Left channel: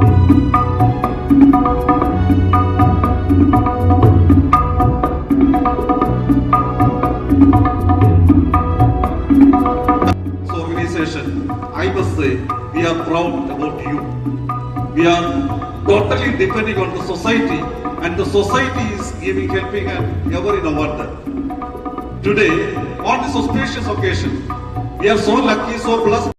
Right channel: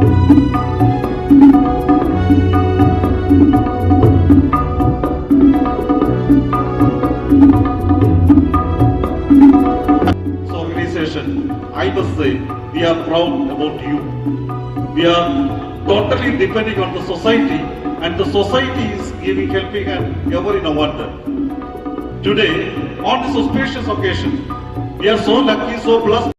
So organization, I must say, we are proud about you. We are totally depending on the society, and the society is helping and ever in a wonder. Today, on this auspicious occasion, we are so lucky, so blessed.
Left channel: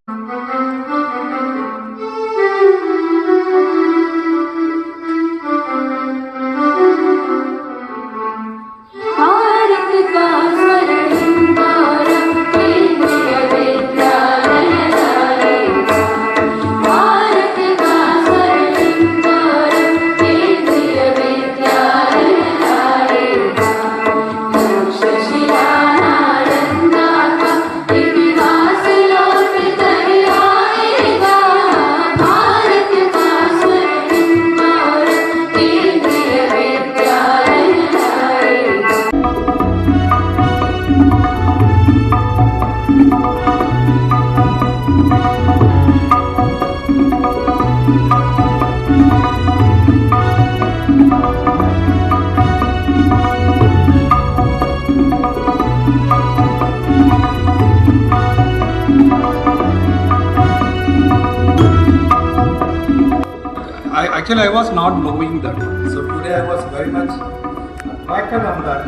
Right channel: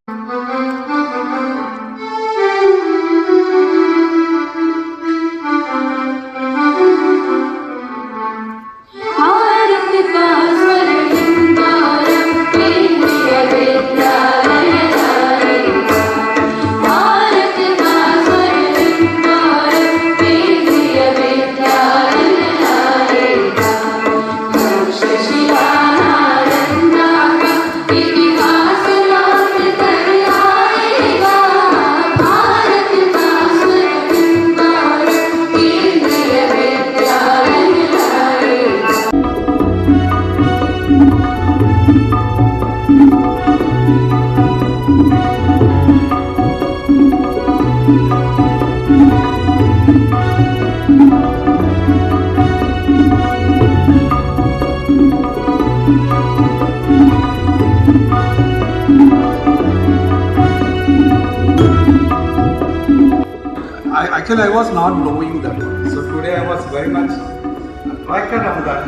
Actually, I was not knowing that. So today I was very much attracted of that.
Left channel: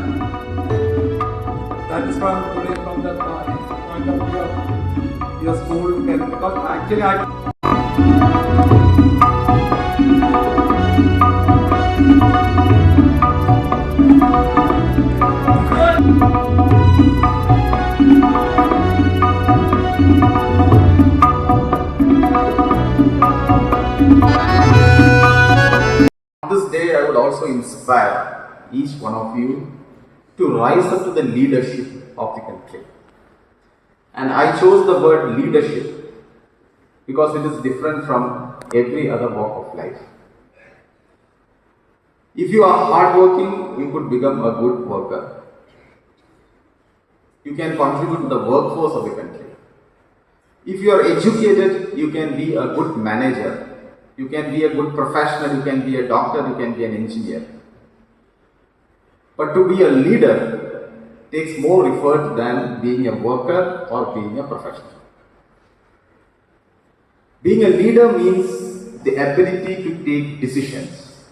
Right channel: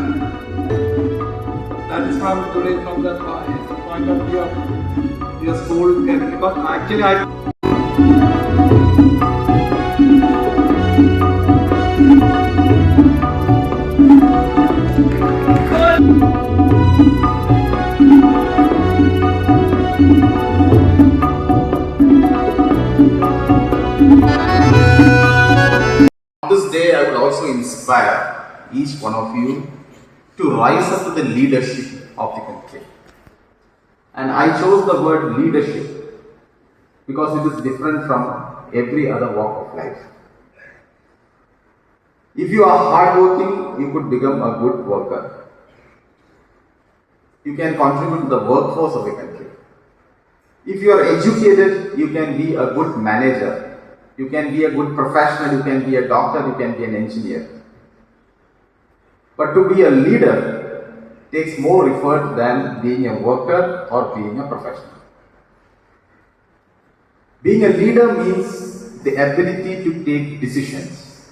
That is from today, from that point of view of your school. Because actually this day, I would also inspire each one of you to rise up to the leadership of the country. And I chose the word leadership because it is different from every other walk of life. If you are hardworking, you could become a good worker. You can contribute to the workforce of the country. If you are educated, you can be a good manager. You can be a good professional, you can be a doctor, you can be an engineer. But to be a leader takes more effort than being a worker or being a professional. Being a leader means the ability to take decisions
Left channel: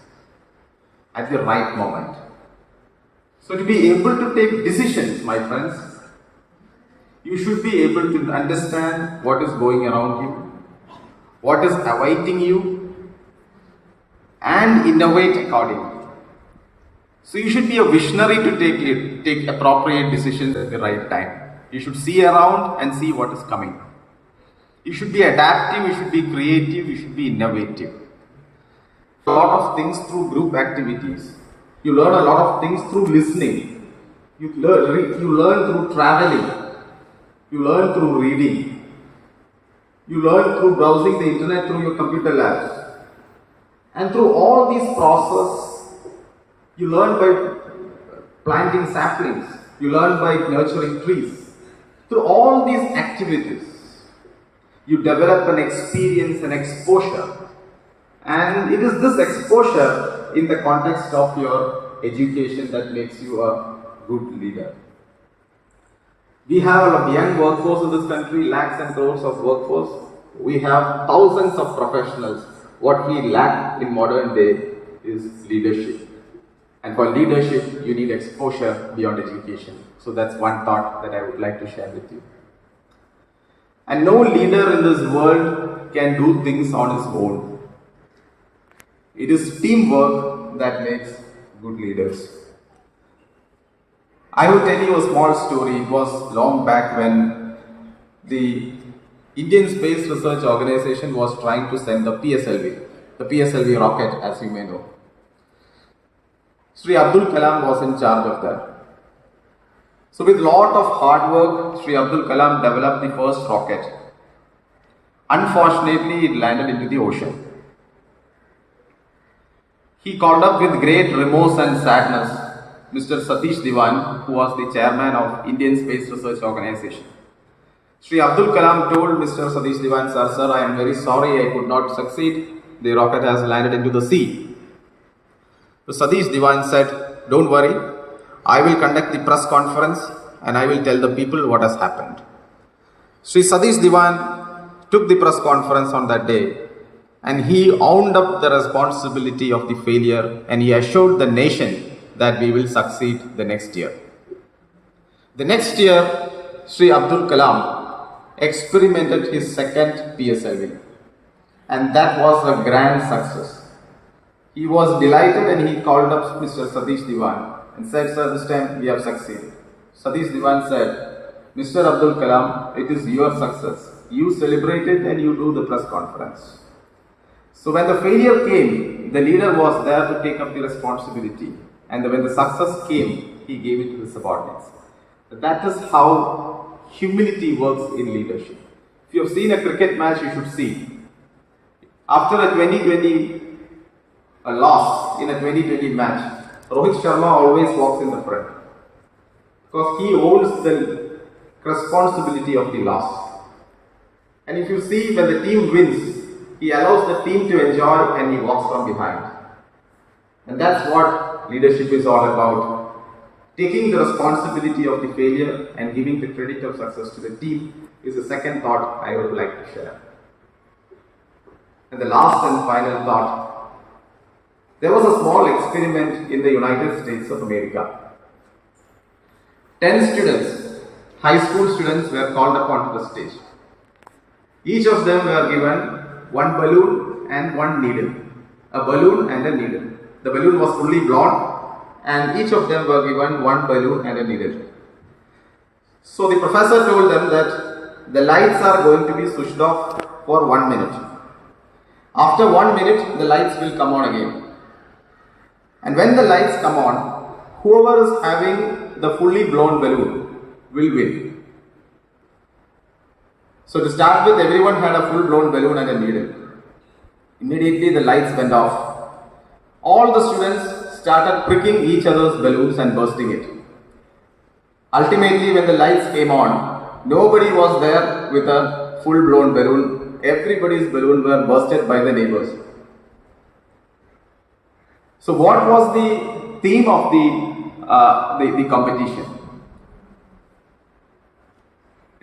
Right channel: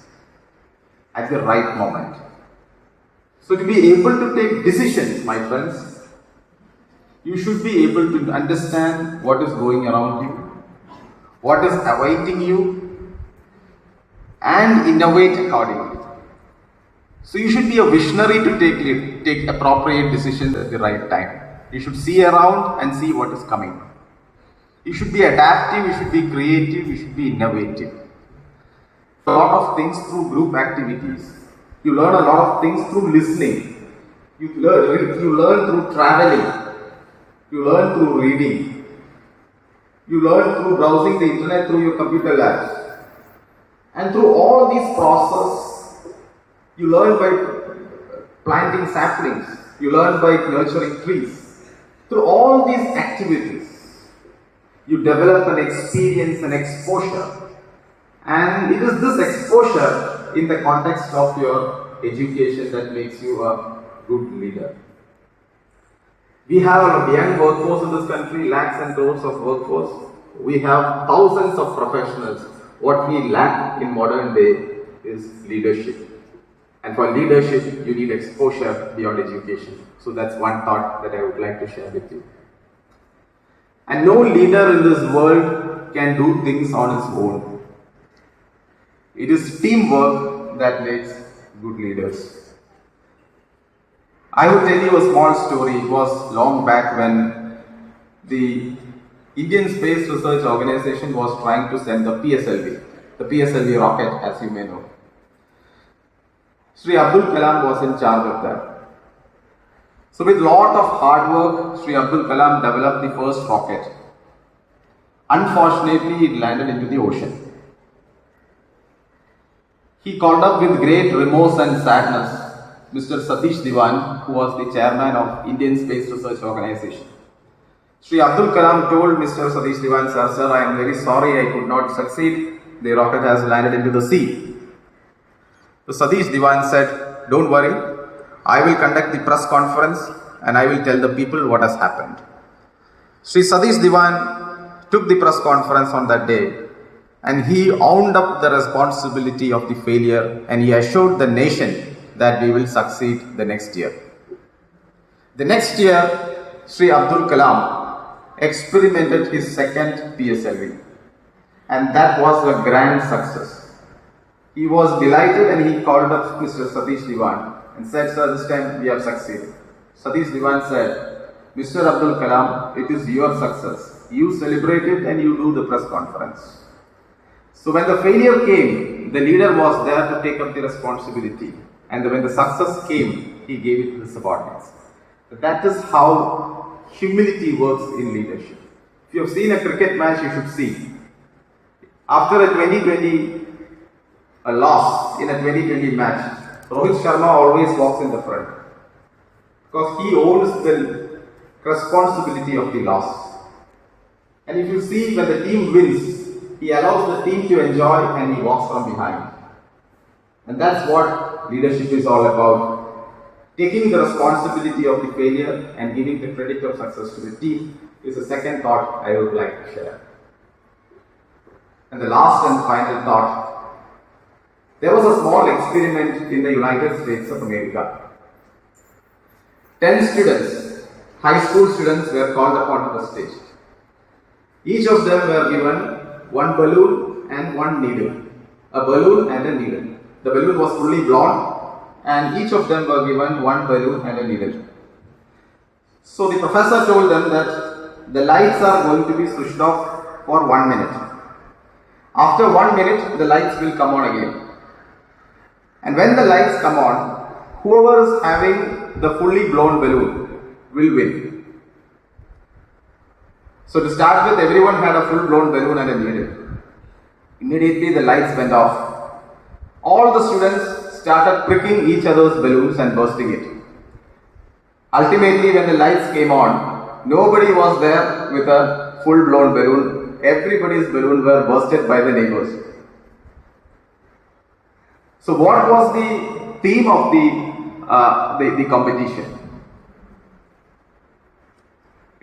at the right moment. So to be able to take decisions, my friends, you should be able to understand what is going around you, what is awaiting you, and innovate accordingly. So you should be a visionary to take appropriate decisions at the right time. You should see around and see what is coming. You should be adaptive, you should be creative, you should be innovative. A lot of things through group activities. You learn a lot of things through listening. You learn through traveling. You learn through reading. You learn through browsing the internet through your computer labs. And through all these processes, you learn by planting saplings. You learn by nurturing trees. Through all these activities, you develop an experience, an exposure. And it is this exposure in the context of your education that makes you a good leader. We have a young workforce in this country, lakhs and crores of workforce. We have thousands of professionals. What we lack in modern day is leadership. And for leadership, you need exposure beyond education. So that's one thought that I would like to share with you. And no leader in this world can do things on his own. It is teamwork that makes good leaders. I will tell you a small story. It was long back when the Indian Space Research Organization was trying to send the PSLV rocket, as you may know. Sri Abdul Kalam was in charge of that. So with lot of hard work, Sri Abdul Kalam developed the first rocket. Unfortunately, it landed into the ocean. He called up with great remorse and sadness Mr. Satish Dhawan, who was the chairman of Indian Space Research Organization. Sri Abdul Kalam told Mr. Satish Dhawan, sir, I am very sorry I could not succeed, the rocket has landed into the sea. So Satish Diwan said, "Don't worry, I will conduct the press conference and I will tell the people what has happened." Sri Satish Diwan took the press conference on that day and he owned up the responsibility of the failure and he assured the nation that we will succeed the next year. The next year, Sri Abdul Kalam experimented his second PSLV and that was a grand success. He was delighted and he called up Mr. Satish Diwan and said, "Sir, this time we have succeeded." Satish Diwan said, "Mr. Abdul Kalam, it is your success. You celebrate it and you do the press conference." So when the failure came, the leader was there to take up the responsibility. And when the success came, he gave it to the subordinates. That is how humility works in leadership. If you have seen a cricket match, you should see. After a 2020 loss in a 2020 match, Rohit Sharma always walks in the front because he owns the responsibility of the loss. And if you see, when the team wins, he allows the team to enjoy and he walks from behind. And that's what leadership is all about. Taking the responsibility of the failure and giving the credit of success to the team is the second thought I would like to share. And the last and final thought. There was a small experiment in the United States of America. 10 students, high school students, were called upon to the stage. Each of them were given one balloon and one needle. A balloon and a needle. The balloon was fully blown and each of them were given one balloon and a needle. So the professor told them that the lights are going to be switched off for 1 minute. After 1 minute, the lights will come on again. And when the lights come on, whoever is having the fully blown balloon will win. So to start with, everyone had a full blown balloon and a needle. Immediately the lights went off. All the students started pricking each other's balloons and bursting it. Ultimately, when the lights came on, nobody was there with a full blown balloon. Everybody's balloon were bursted by the neighbors. So what was the theme of the competition?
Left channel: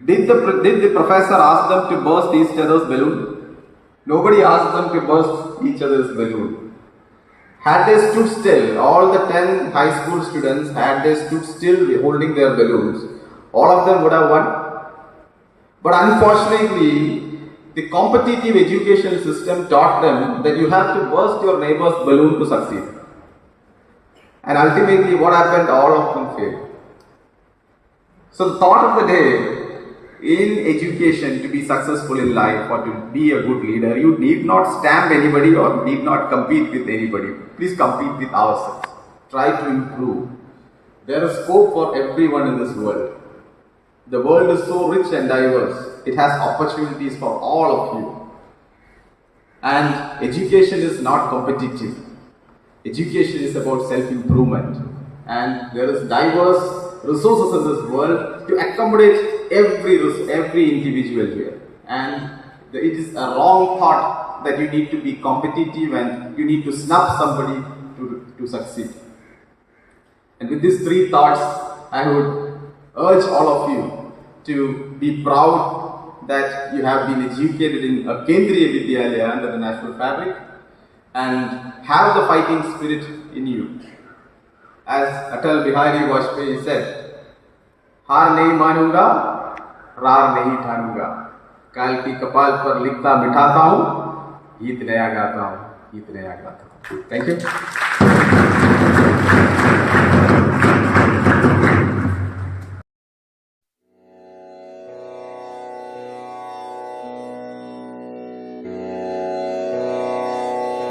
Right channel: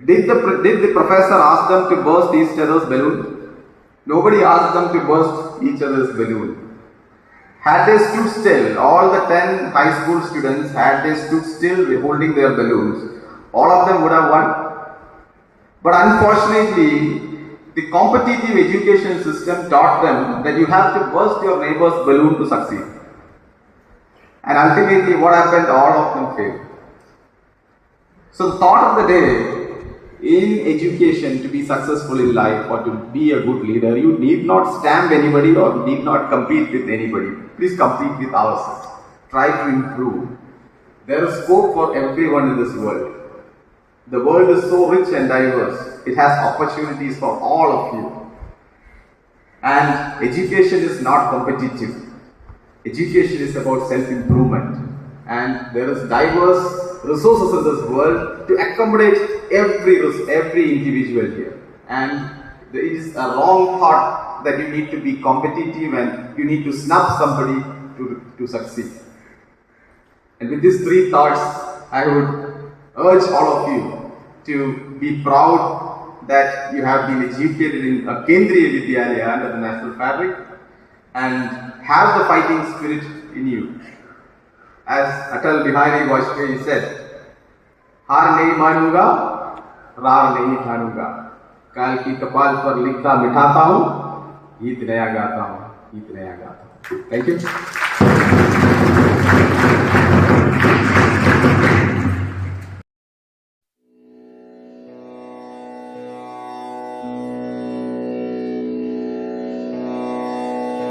Did the professor ask them to burst each other's balloon? Nobody asked them to burst each other's balloon. Had they stood still, all the 10 high school students, had they stood still holding their balloons, all of them would have won. But unfortunately, the competitive education system taught them that you have to burst your neighbor's balloon to succeed. And ultimately, what happened? All of them failed. So the thought of the day, in education, to be successful in life or to be a good leader, you need not stamp anybody or need not compete with anybody. Please compete with ourselves. Try to improve. There is scope for everyone in this world. The world is so rich and diverse. It has opportunities for all of you. And education is not competitive. Education is about self-improvement. And there is diverse resources in this world to accommodate every individual here. And it is a wrong thought that you need to be competitive and you need to snub somebody to succeed. And with these three thoughts, I would urge all of you to be proud that you have been educated in a Kendriya Vidyalaya under the national fabric and have the fighting spirit in you. As Atal Bihari Vajpayee said, "Haar nahi manunga, rar nahi thanunga. Kal ki kapal par likhta mithata hu, geet naya gata hu, geet naya gata hu." Thank you.